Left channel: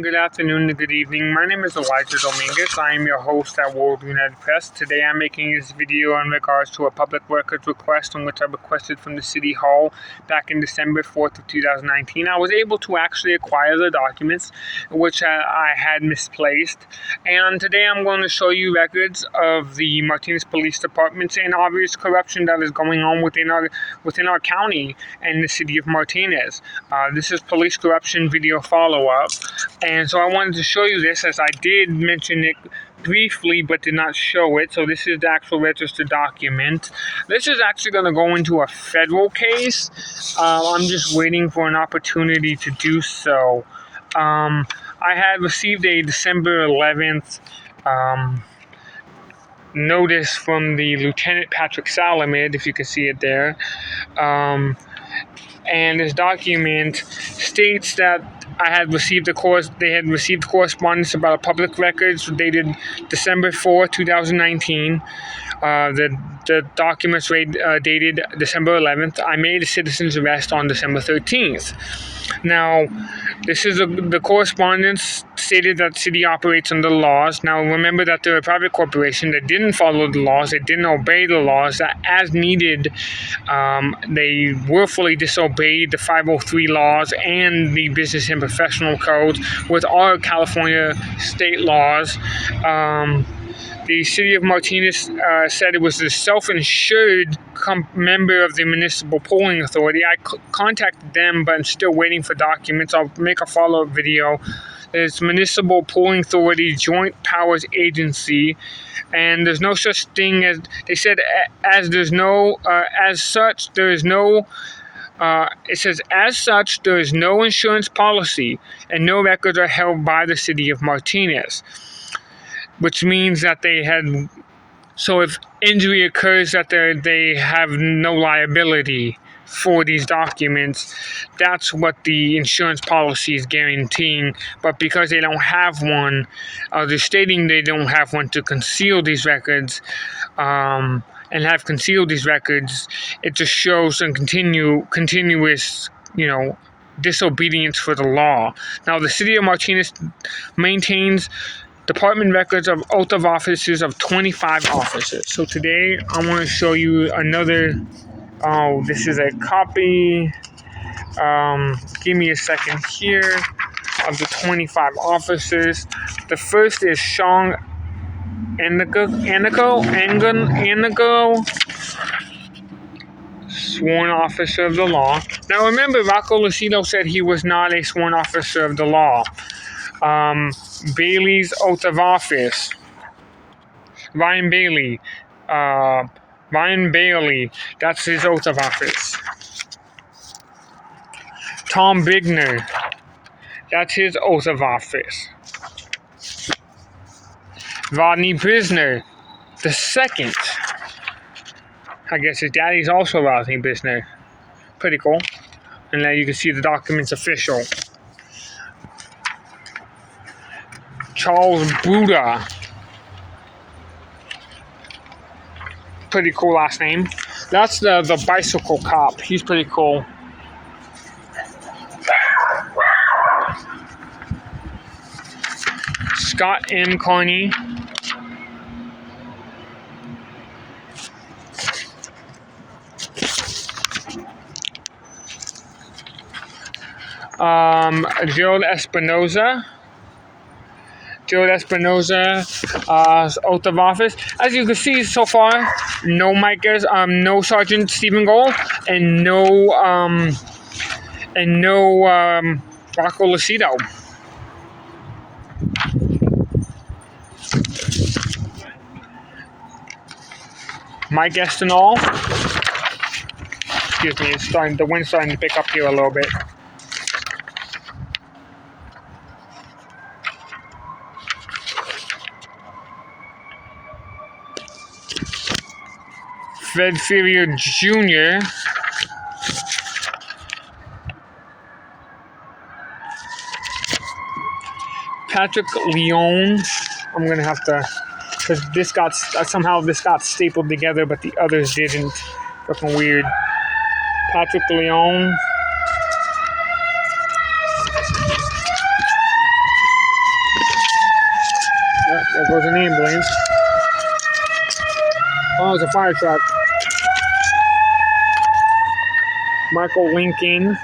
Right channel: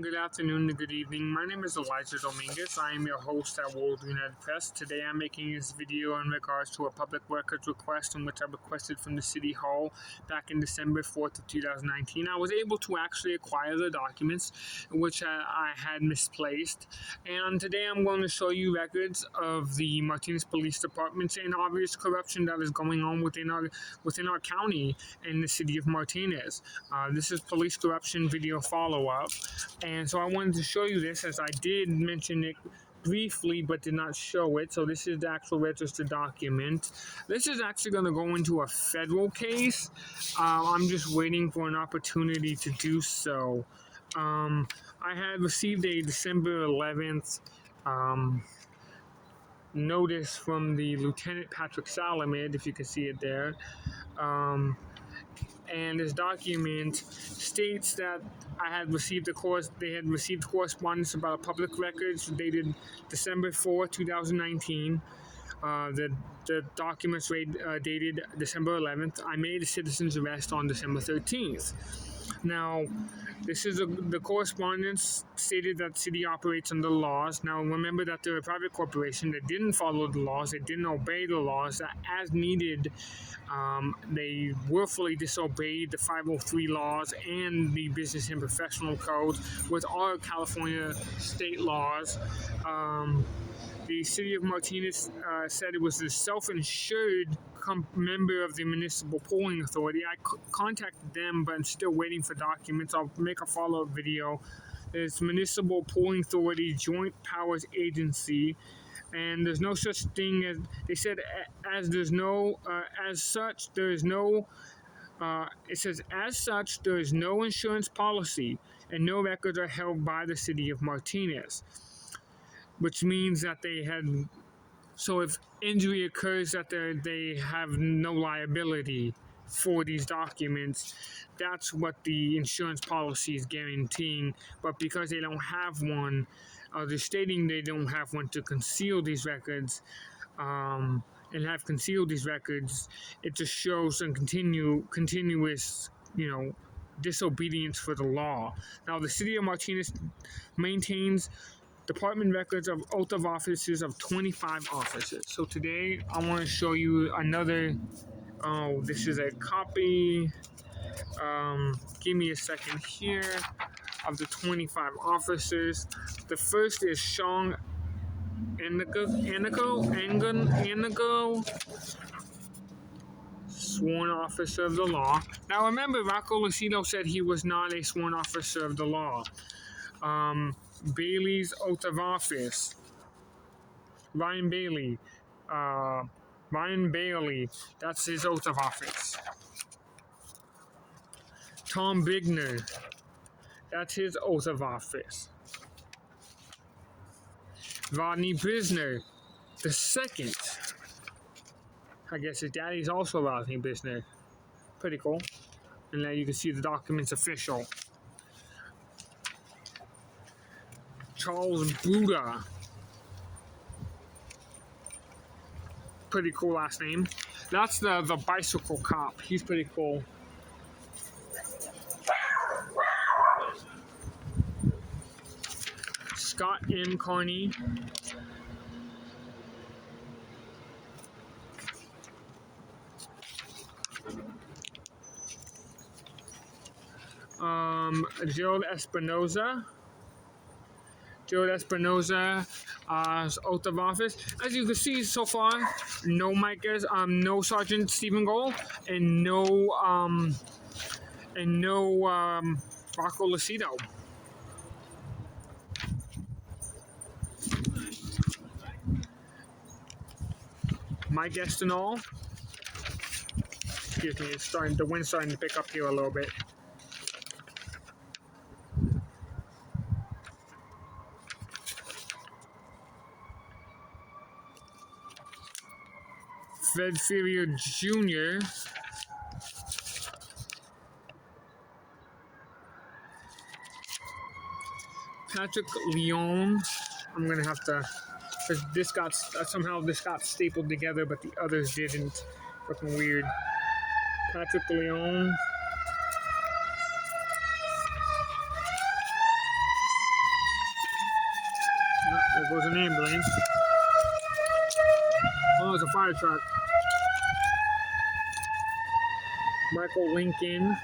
Good afternoon and good evening. My name is Elijah Dominguez. I am your host at World United Press. Today I'm making this video in regards to a public records request in which I requested from the City Hall back in December 4th of 2019. I was able to actually acquire the documents which I had misplaced. And today I'm going to show you records of the Martinez Police Department and obvious corruption that is going on within our county and the city of Martinez. This is police corruption video follow-up. And so I wanted to show you this, as I did mention it briefly but did not show it. So this is the actual registered document. This is actually going to go into a federal case. I'm just waiting for an opportunity to do so. I had received a December 11th notice from the Lieutenant Patrick Salamid, if you can see it there. And this document states that they had received correspondence about a public records dated December 4, 2019. The documents dated December 11th. I made a citizen's arrest on December 13th. Now, this is the correspondence stated that the city operates under the laws. Now, remember that they're a private corporation that didn't follow the laws. They didn't obey the laws. That as needed, they willfully disobeyed the 503 laws and the business and professional codes with our California state laws. The city of Martinez said it was a self-insured member of the Municipal Polling Authority. I contacted them, but I'm still waiting for documents. I'll make a follow-up video. It's Municipal Polling Authority Joint Powers Agency, and there's no such thing as, they said, as there's no, as such, there is no, it says, as such, there is no insurance policy, and no records are held by the city of Martinez. Which means that they had, so if injury occurs, that they have no liability for these documents. That's what the insurance policy is guaranteeing. But because they don't have one, they're stating they don't have one to conceal these records, and have concealed these records, it just shows a continuous, disobedience for the law. Now, the city of Martinez maintains department records of oath of offices of 25 officers. So today I want to show you another. This is a copy. Give me a second here of the 25 officers. The first is Sean Anigo, sworn officer of the law. Now remember, Rocco Lucido said he was not a sworn officer of the law. Bailey's oath of office. Ryan Bailey, that's his oath of office. Tom Bigner, that's his oath of office. Rodney Brisner, the second. I guess his daddy's also Rodney Brisner. Pretty cool. And now you can see the document's official. Charles Buda. Pretty cool last name. That's the bicycle cop. He's pretty cool. Scott M. Carney. Gerald Espinoza. Oath of office. As you can see so far, no Micahs, no Sergeant Stephen Gold, and no Rocco Lucido. Mike Estinol. Excuse me, the wind's starting to pick up here a little bit. Fred Ferrier Jr. Patrick Leone. I'm going to have to, because this got stapled together, but the others didn't. Looking weird. Patrick Leone. There goes an ambulance. Oh, it's a fire truck. Michael Lincoln.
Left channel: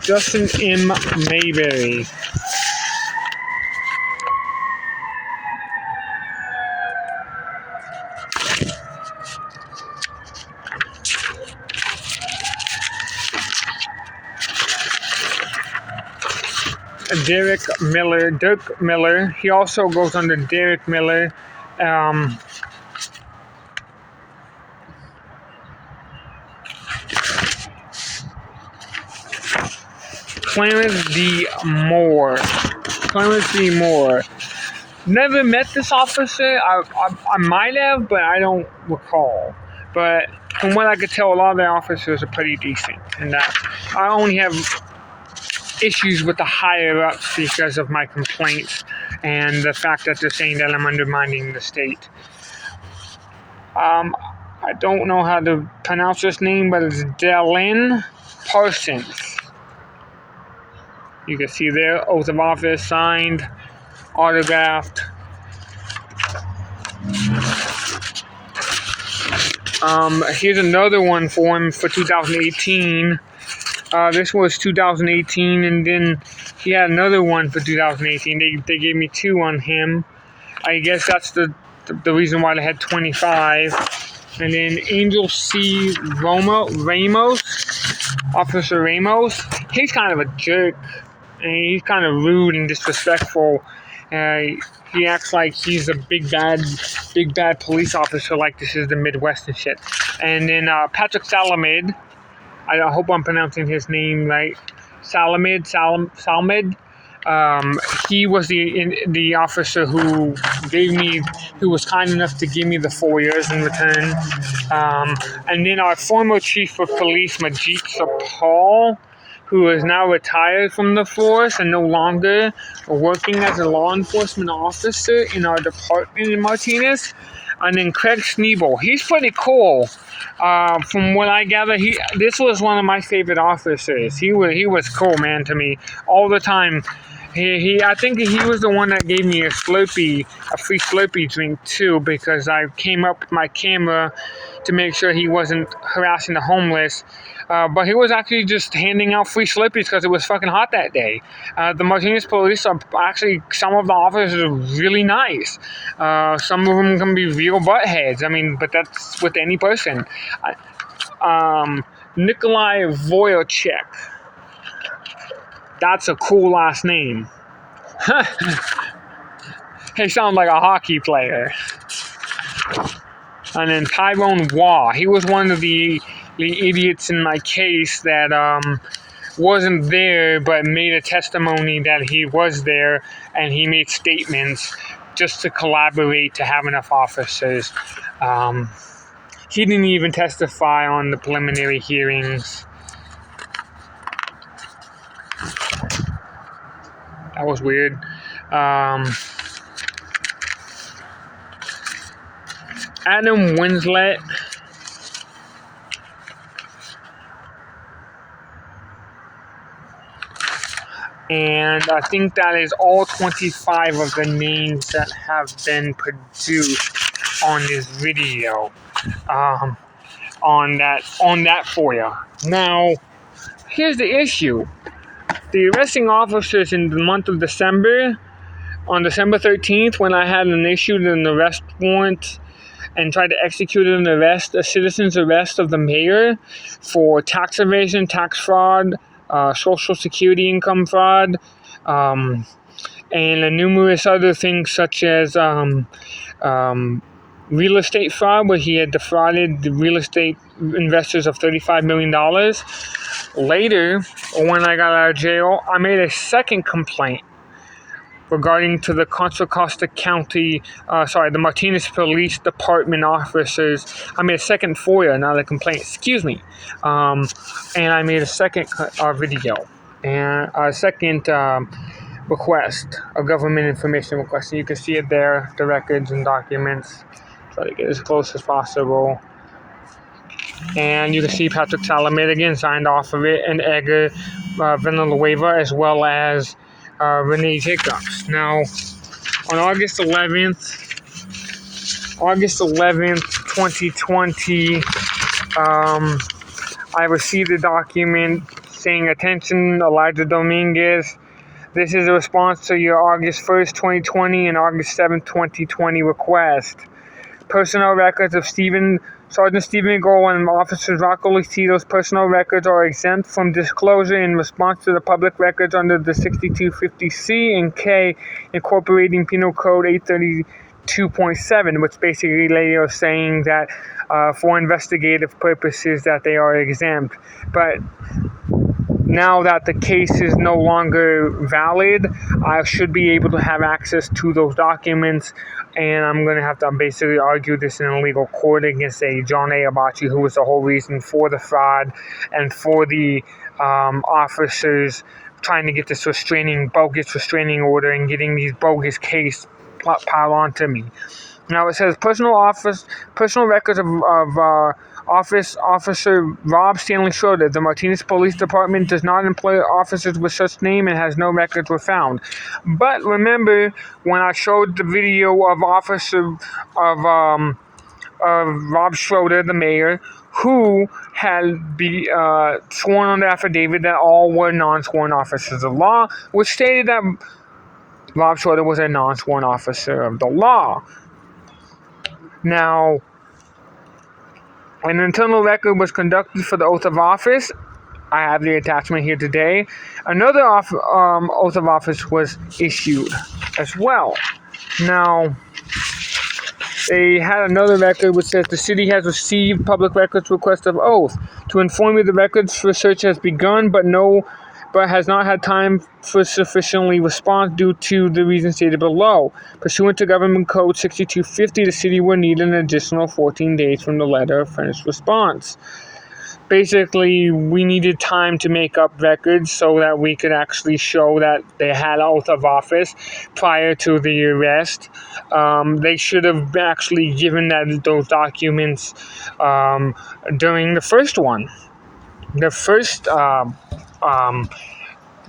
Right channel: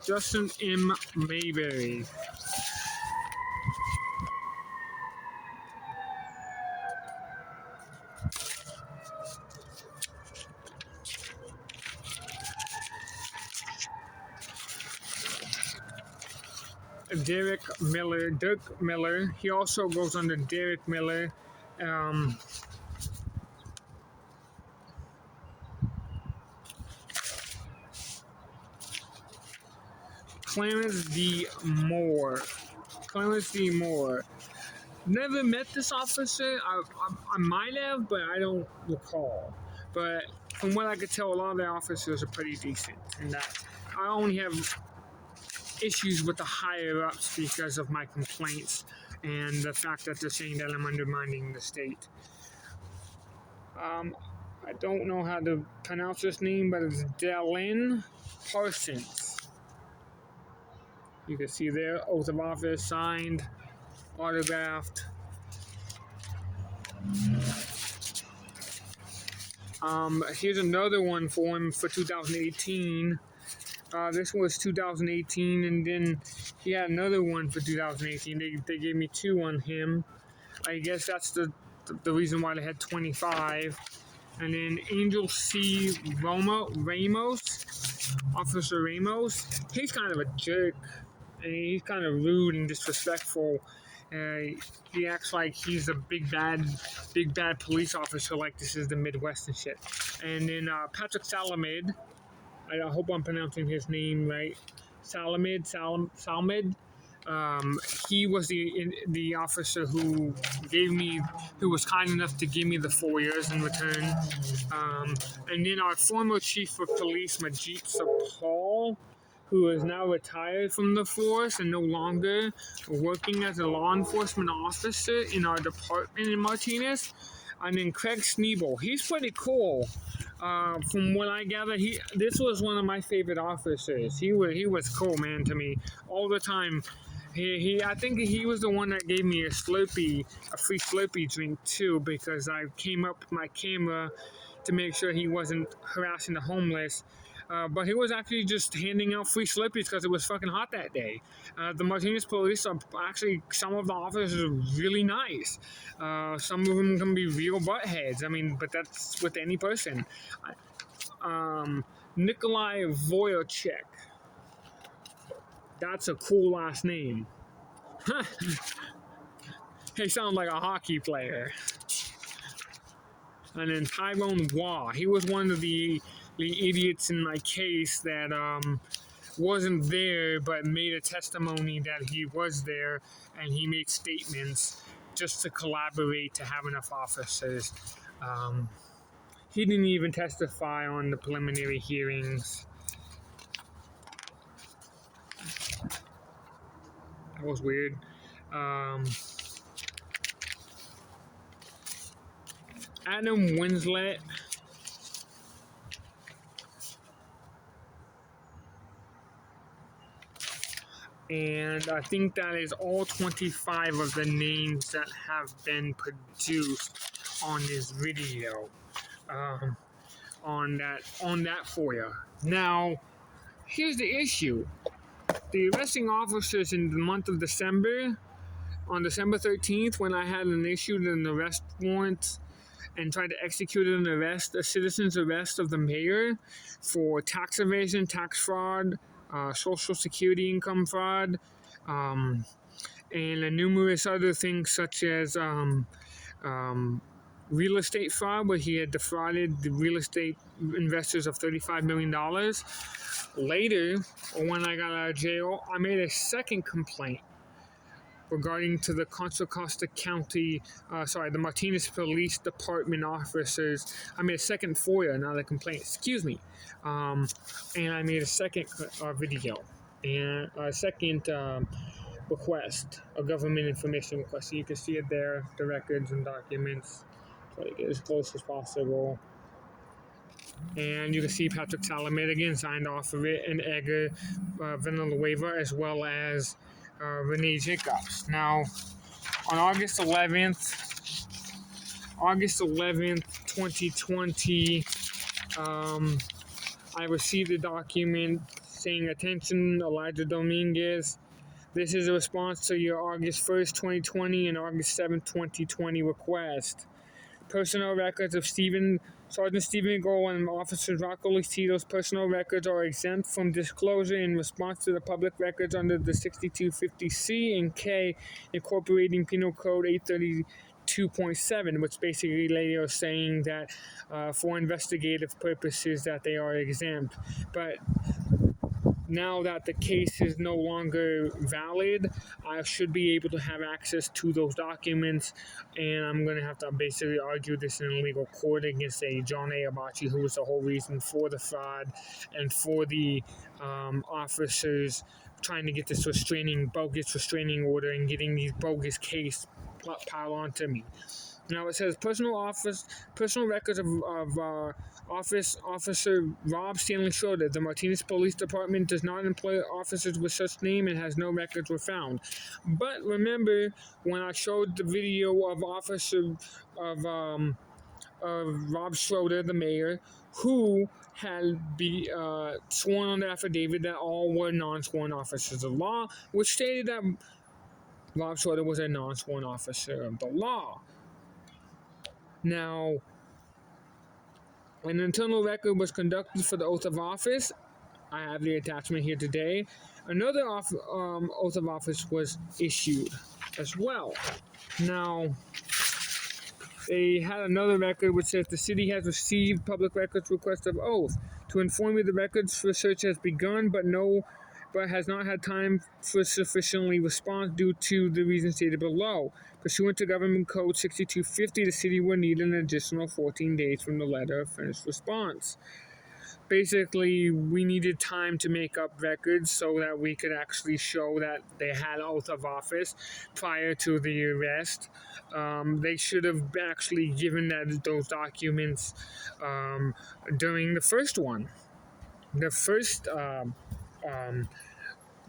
Justin M. Mayberry. Dirk Miller. He also goes under Derek Miller. Clarence D. Moore. Never met this officer. I might have, but I don't recall. But from what I could tell, a lot of the officers are pretty decent. And I only have issues with the higher ups because of my complaints and the fact that they're saying that I'm undermining the state. I don't know how to pronounce this name, but it's Dallin Parsons. You can see there, oath of office signed, autographed. Here's another one for him for 2018. This was 2018, and then he had another one for 2018. They gave me two on him. I guess that's the reason why they had 25. And then Angel C. Ramos, Officer Ramos. He's kind of a jerk, and he's kind of rude and disrespectful. He acts like he's a big bad police officer, like this is the Midwest and shit. And then Patrick Salamed. I hope I'm pronouncing his name right. Salamed. He was the officer who was kind enough to give me the 4 years in return. And then our former chief of police, Majit Sapal, who is now retired from the force and no longer working as a law enforcement officer in our department in Martinez. And then Craig Sneebel. He's pretty cool. From what I gather, this was one of my favorite officers. He was cool, man, to me all the time. I think he was the one that gave me a free Slurpee drink too, because I came up with my camera to make sure he wasn't harassing the homeless. But he was actually just handing out free Slurpees because it was fucking hot that day. The Martinez police are actually, some of the officers are really nice. Some of them can be real buttheads. I mean, but that's with any person. Nikolai Voyachek. That's a cool last name. He sounds like a hockey player. And then Tyrone Waugh. He was one of the idiots in my case that wasn't there but made a testimony that he was there, and he made statements just to collaborate to have enough officers. He didn't even testify on the preliminary hearings. That was weird. Adam Winslet. And I think that is all 25 of the names that have been produced on this video. On that FOIA. Now, here's the issue. The arresting officers in the month of December, on December 13th, when I had issued an arrest warrant and tried to execute a citizen's arrest of the mayor for tax evasion, tax fraud, Social Security income fraud, and numerous other things such as real estate fraud, where he had defrauded the real estate investors of $35 million. Later, when I got out of jail, I made a second complaint regarding to the Contra Costa County, the Martinez Police Department officers. I made a second FOIA, not a complaint, and I made a second video, and a second request, a government information request. And you can see it there, the records and documents. Try to get as close as possible. And you can see Patrick Salamed again signed off of it, and Edgar Villanueva, as well as Renee Jacobs. Now, on August 11th, 2020, I received a document saying, "Attention, Elijah Dominguez. This is a response to your August 1st, 2020 and August 7th, 2020 request. Personnel records of Sergeant Stephen Gold and Officer Rocco Lucido's personal records are exempt from disclosure in response to the public records under the 6250C and K, incorporating Penal Code 832.7, which basically they are saying that for investigative purposes that they are exempt. But now that the case is no longer valid, I should be able to have access to those documents, and I'm going to have to basically argue this in a legal court against John A. Abachi, who was the whole reason for the fraud and for the officers trying to get this bogus restraining order and getting these bogus case piled onto me. Now it says personal records of Officer Rob Stanley Schroeder. The Martinez Police Department does not employ officers with such name and has no records were found. But remember when I showed the video of Rob Schroeder, the mayor, who had sworn on the affidavit that all were non-sworn officers of law, which stated that Rob Schroeder was a non-sworn officer of the law. Now, an internal record was conducted for the oath of office. I have the attachment here today. Another oath of office was issued as well. Now, they had another record which says the city has received public records request of oath. To inform you, the records research has begun, but has not had time for sufficiently response due to the reasons stated below. Pursuant to Government Code 6250, the city will need an additional 14 days from the letter of finished response. Basically, we needed time to make up records so that we could actually show that they had oath of office prior to the arrest. They should have actually given those documents during the first one. The first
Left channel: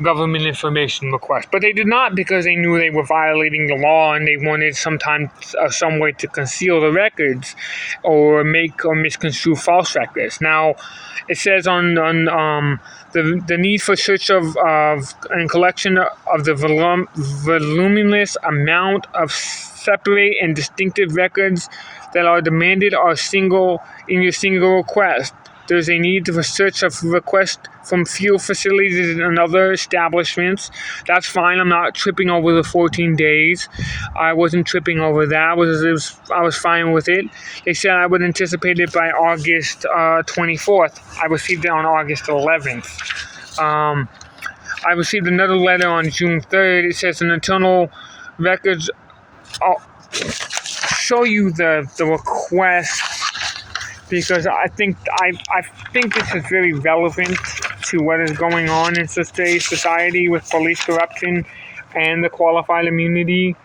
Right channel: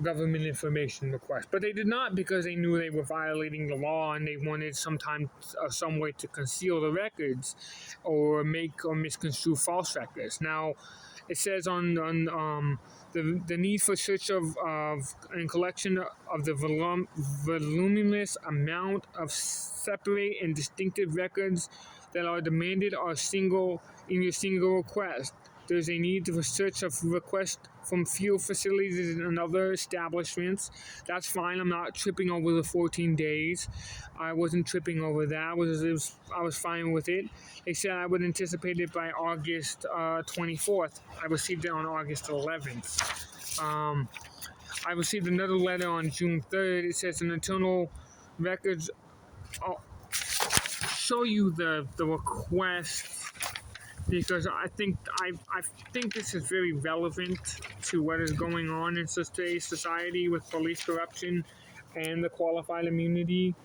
government information request, but they did not, because they knew they were violating the law and they wanted some way to conceal the records or make or misconstrue false records. Now, it says on the need for search of and collection of the voluminous amount of separate and distinctive records that are demanded are in your single request. There's a need for search of requests from fuel facilities and other establishments. That's fine. I'm not tripping over the 14 days. I wasn't tripping over that. I was fine with it. They said I would anticipate it by August 24th. I received it on August 11th. I received another letter on June 3rd. It says an internal records. I'll show you the request, because I think this is very relevant to what is going on in today's society with police corruption and the qualified immunity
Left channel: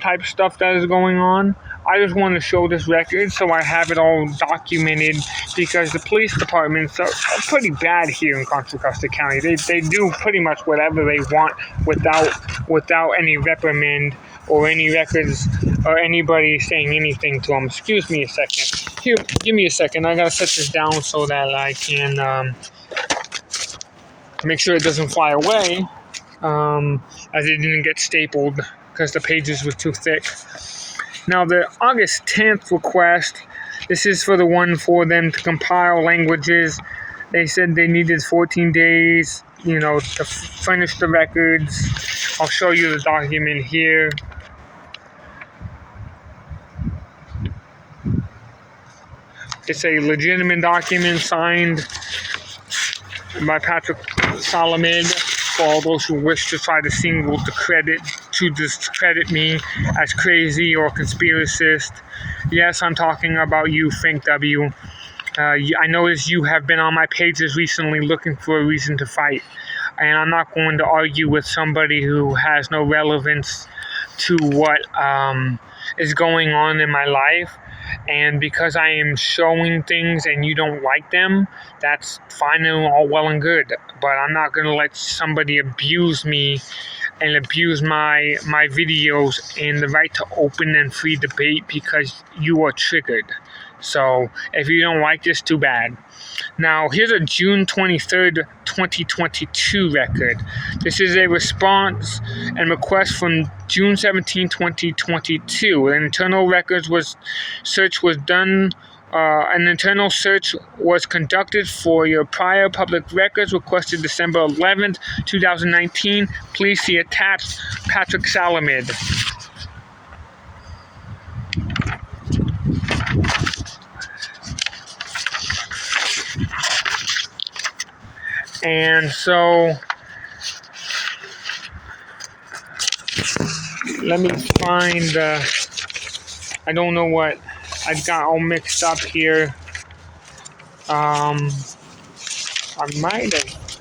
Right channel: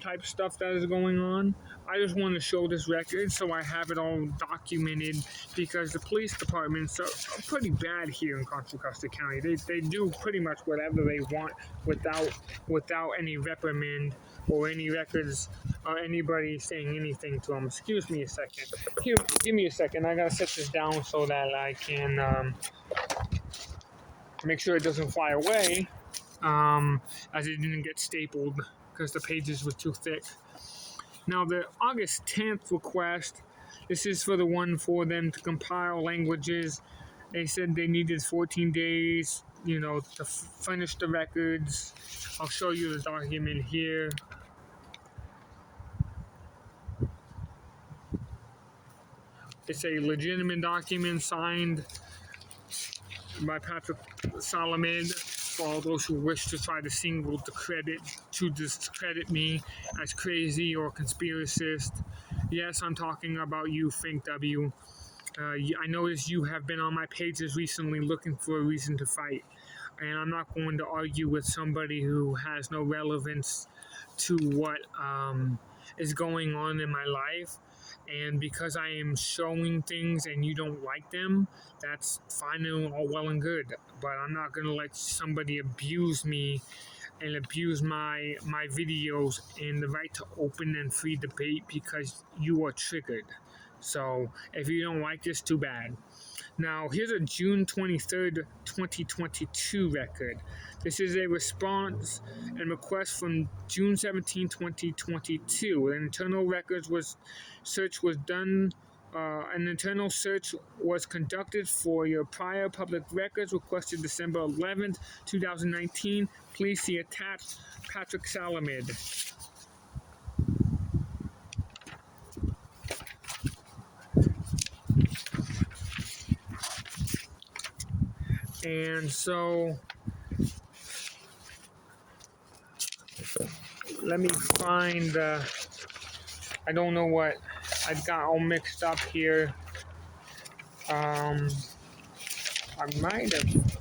type stuff that is going on. I just want to show this record so I have it all documented, because the police departments are pretty bad here in Contra Costa County. They do pretty much whatever they want without any reprimand or any records or anybody saying anything to them. Excuse me a second. Here, give me a second. I gotta set this down so that I can make sure it doesn't fly away, as it didn't get stapled because the pages were too thick. Now, the August 10th request, this is for the one for them to compile languages. They said they needed 14 days, to furnish the records. I'll show you the document here. It's a legitimate document signed by Patrick Salamed for all those who wish to try to discredit me as crazy or conspiracist. Yes, I'm talking about you, Frank W. I noticed you have been on my pages recently looking for a reason to fight, and I'm not going to argue with somebody who has no relevance to what is going on in my life. And because I am showing things and you don't like them, that's fine and all well and good. But I'm not going to let somebody abuse me and abuse my videos and the right to open and free debate because you are triggered. So if you don't like this, too bad. Now, here's a June 23rd, 2022 record. This is a response and request from June 17, 2022. An internal search was done. An internal search was conducted for your prior public records requested December 11th, 2019. Please see attached, Patrick Salamid. And so let me find, I don't know what I got all mixed up here. I might have.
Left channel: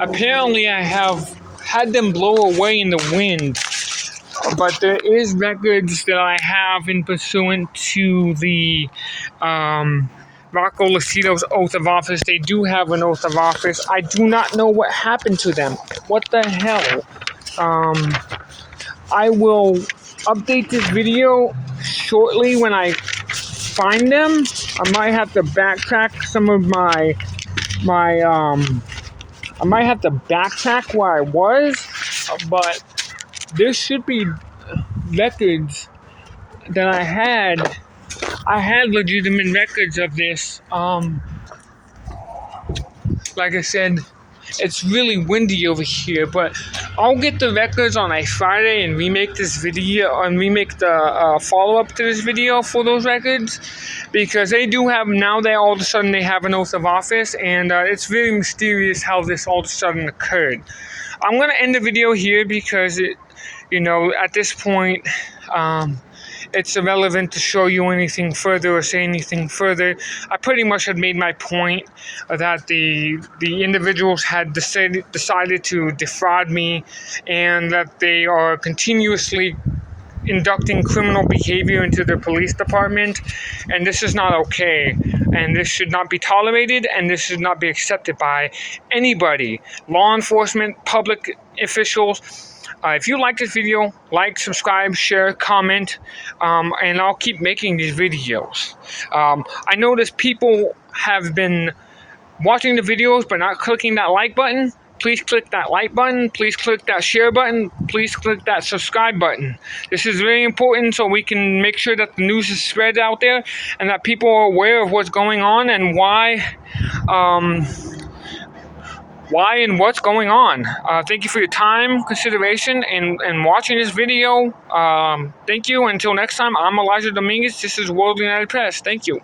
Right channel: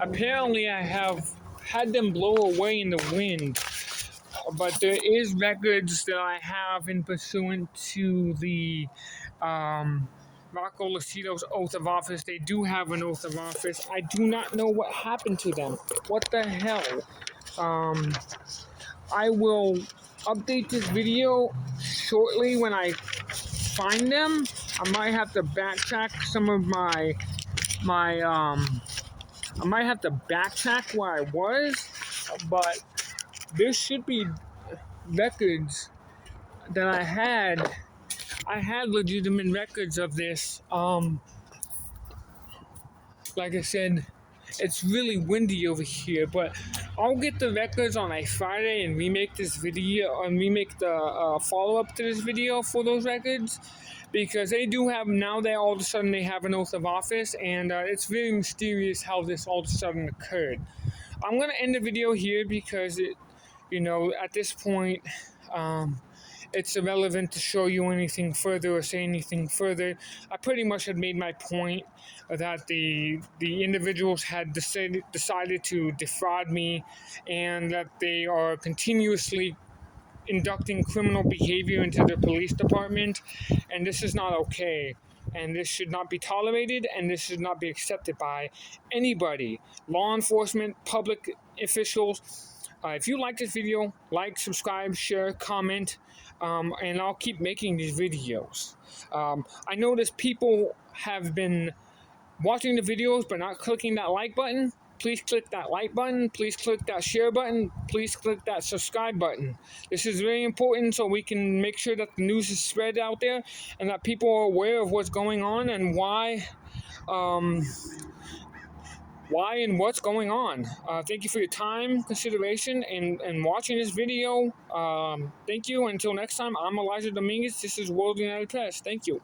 Apparently I have had them blow away in the wind. But there is records that I have in pursuant to the Rocco Lucido's oath of office. They do have an oath of office. I do not know what happened to them. What the hell? I will update this video shortly when I find them. I might have to backtrack some of my I might have to backtrack where I was, but there should be records that I had. I had legitimate records of this. Like I said, it's really windy over here, but I'll get the records on a Friday and remake this video and remake the follow-up to this video for those records, because they do have, now they all of a sudden they have an oath of office, and it's very mysterious how this all of a sudden occurred. I'm going to end the video here because at this point, it's irrelevant to show you anything further or say anything further. I pretty much had made my point that the individuals had decided to defraud me, and that they are continuously inducting criminal behavior into the police department, and this is not okay, and this should not be tolerated, and this should not be accepted by anybody, law enforcement, public officials. If you like this video, like, subscribe, share, comment, and I'll keep making these videos. I notice people have been watching the videos but not clicking that like button. Please click that like button. Please click that share button. Please click that subscribe button. This is very important so we can make sure that the news is spread out there and that people are aware of what's going on and why and what's going on. Thank you for your time, consideration, and watching this video. Thank you. Until next time, I'm Elijah Dominguez. This is World United Press. Thank you.